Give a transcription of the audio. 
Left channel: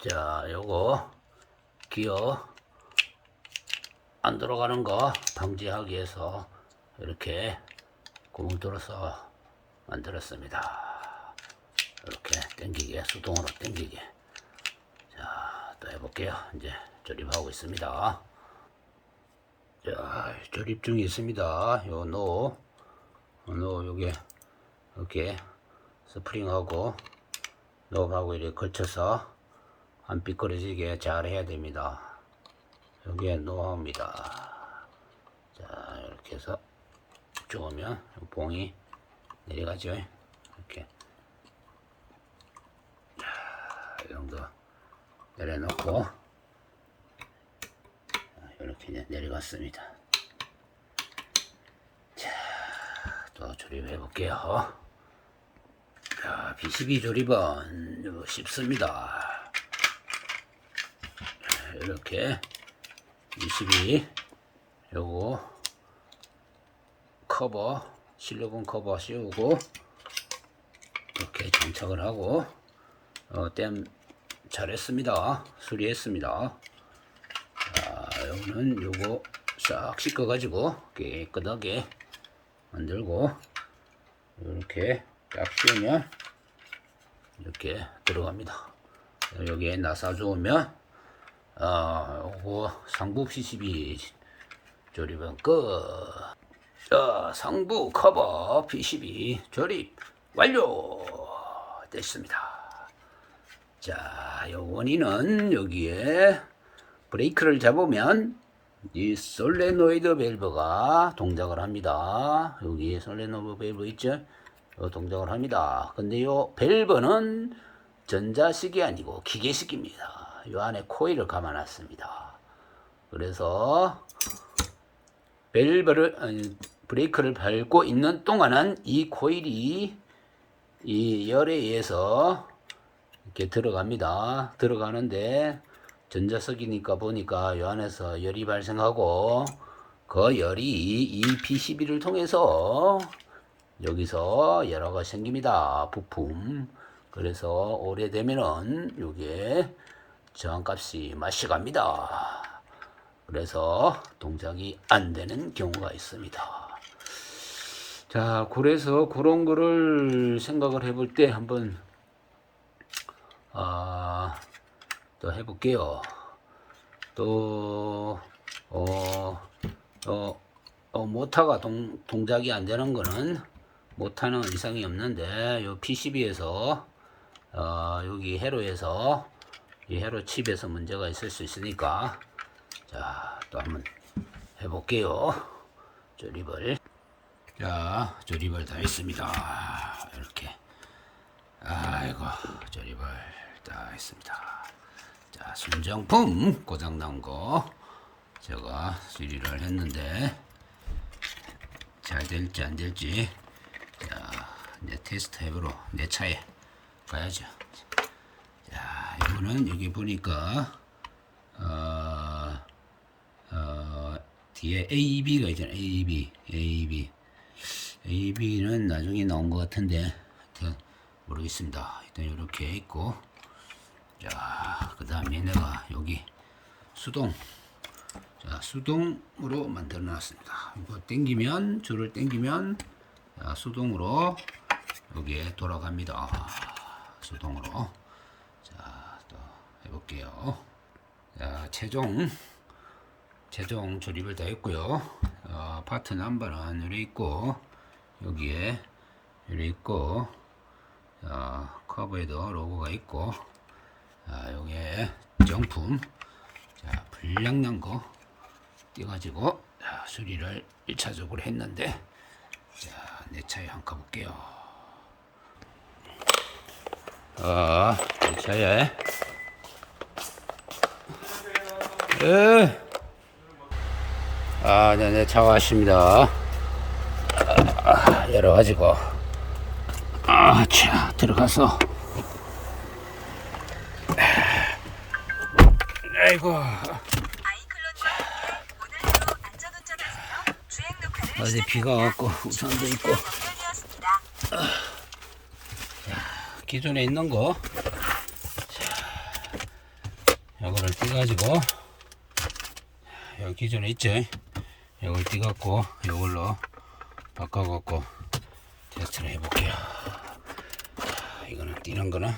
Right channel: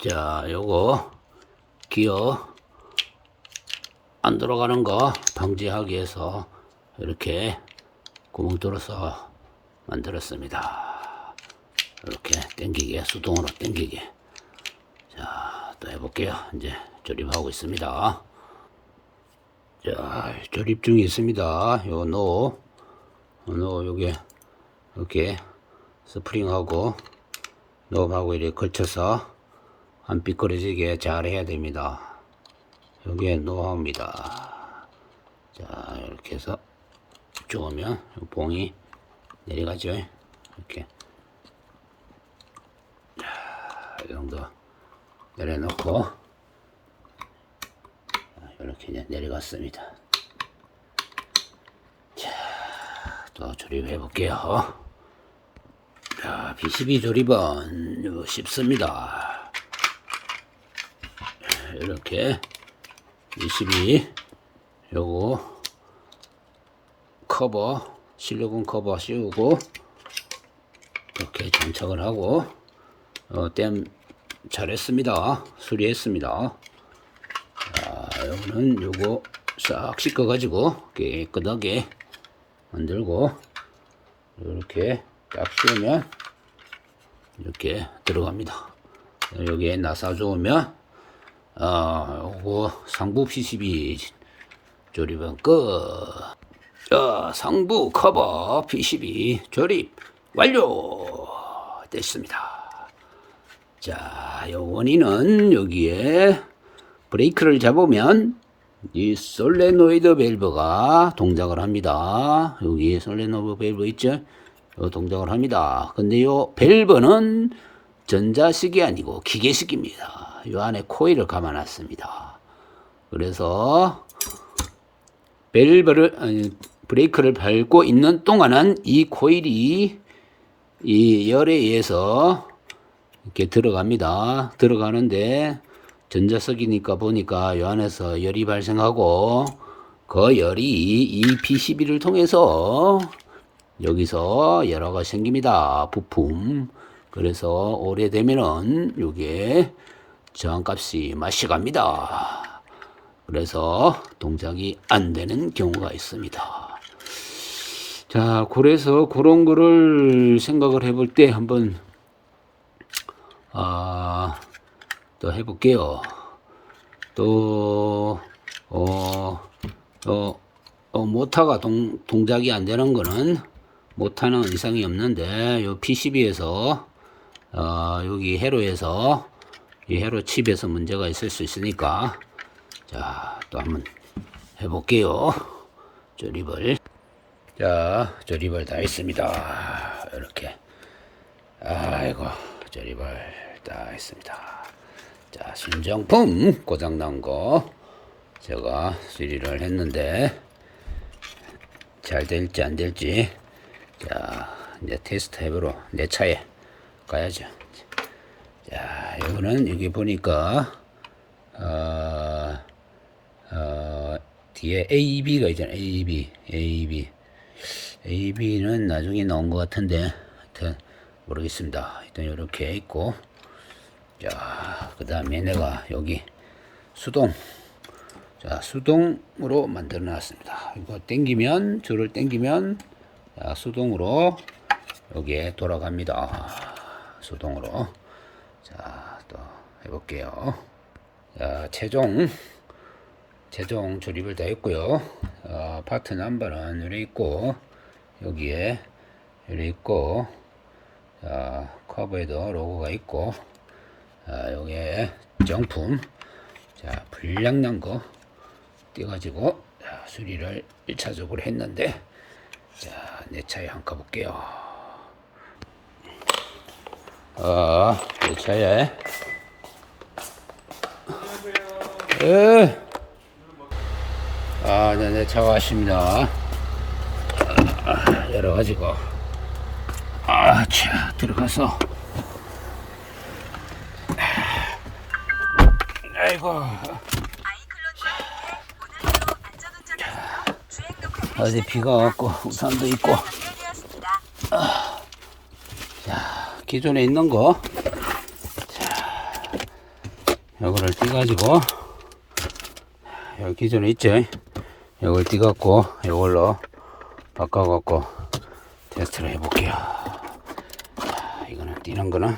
자, 요거 기어 안 들어가는 거 방지하기 위해서 이렇게 구멍 뚫어서 만들었습니다. 이렇게 당기게 수동으로 당기게. 자, 또 해볼게요. 이제 조립하고 있습니다. 자, 조립 중에 있습니다. 요 노, 노 요게 이렇게 스프링하고 노하고 이렇게 걸쳐서 안 삐끄러지게 잘 해야 됩니다. 여기에 노하우입니다. 자, 이렇게 해서 쪼으면 요 봉이 내려가죠. 이렇게. 자, 이 정도 내려놓고 이렇게 내려갔습니다. 자, 또 조립해 볼게요. 자, B12 조립은 쉽습니다. 이렇게 22 요거 커버 실리콘 커버 씌우고 이렇게 장착을 하고 어, 땜 잘했습니다. 수리했습니다. 자, 여기는 요거 싹 씻어 가지고 깨끗하게 만들고 이렇게 딱 씌우면 이렇게 들어갑니다. 여기에 나사 좋으면 아, 요거 상부 PCB 조립은 끝. 자, 상부 커버 PCB 조립 완료 됐습니다. 자, 요 원인은 여기에 브레이크를 잡으면 이 솔레노이드 밸브가 동작을 합니다. 여기 솔레노이드 밸브 있죠? 요 동작을 합니다. 근데 요 밸브는 전자식이 아니고 기계식입니다. 요 안에 코일을 감아놨습니다. 그래서 밸브를 아니, 브레이크를 밟고 있는 동안은 이 코일이 이 열에 의해서 이렇게 들어갑니다. 들어가는데 전자석이니까 보니까 요 안에서 열이 발생하고 그 열이 이 PCB를 통해서 여기서 열화가 생깁니다. 부품. 그래서 오래되면은 요게 저항값이 마시갑니다. 그래서 동작이 안 되는 경우가 있습니다. 자, 그래서 그런 거를 생각을 해볼 때 한번 아, 또 해볼게요. 또, 어, 어, 어, 모타가 동, 동작이 안 되는 거는 모타는 이상이 없는데, 요 PCB에서, 어, 여기 회로에서, 이 회로 칩에서 문제가 있을 수 있으니까, 자, 또 한번 해볼게요. 조립을. 자, 조립을 다 했습니다. 이렇게. 아이고, 조립을 다 했습니다. 자, 신정품 고장난 거 제가 수리를 했는데 잘 될지 안 될지 자, 이제 테스트 해보러 내 차에 가야죠. 자, 이거는 여기 보니까 어, 어, 뒤에 AB가 있잖아요. AB, AB. AB는 나중에 나온 것 같은데, 하여튼, 모르겠습니다. 일단 이렇게 있고, 자, 그 다음에 내가 여기 수동, 자, 수동으로 만들어 놨습니다. 이거 땡기면, 줄을 땡기면, 자, 수동으로 여기에 돌아갑니다. 수동으로. 자, 또 해볼게요. 자, 최종, 최종 조립을 다 했고요. 어, 파트 넘버는 이렇게 있고, 여기에 이렇게 있고, 자, 커버에도 로고가 있고, 자, 여기에 정품, 자, 불량난 거 띄가지고, 자, 수리를 1차적으로 했는데, 자, 내 차에 한번 가볼게요. 어, 내 차에, 에, 아, 네, 네, 차 왔습니다. 아, 열어가지고, 아, 자, 들어가서, 아이고, 어제 비가 왔고, 우산도 있고, 기존에 있는 거, 자, 요거를 띄가지고. 여기 기존에 있죠? 요걸 띄갖고 요걸로 바꿔갖고 테스트를 해볼게요. 자, 이거는 띄는 거는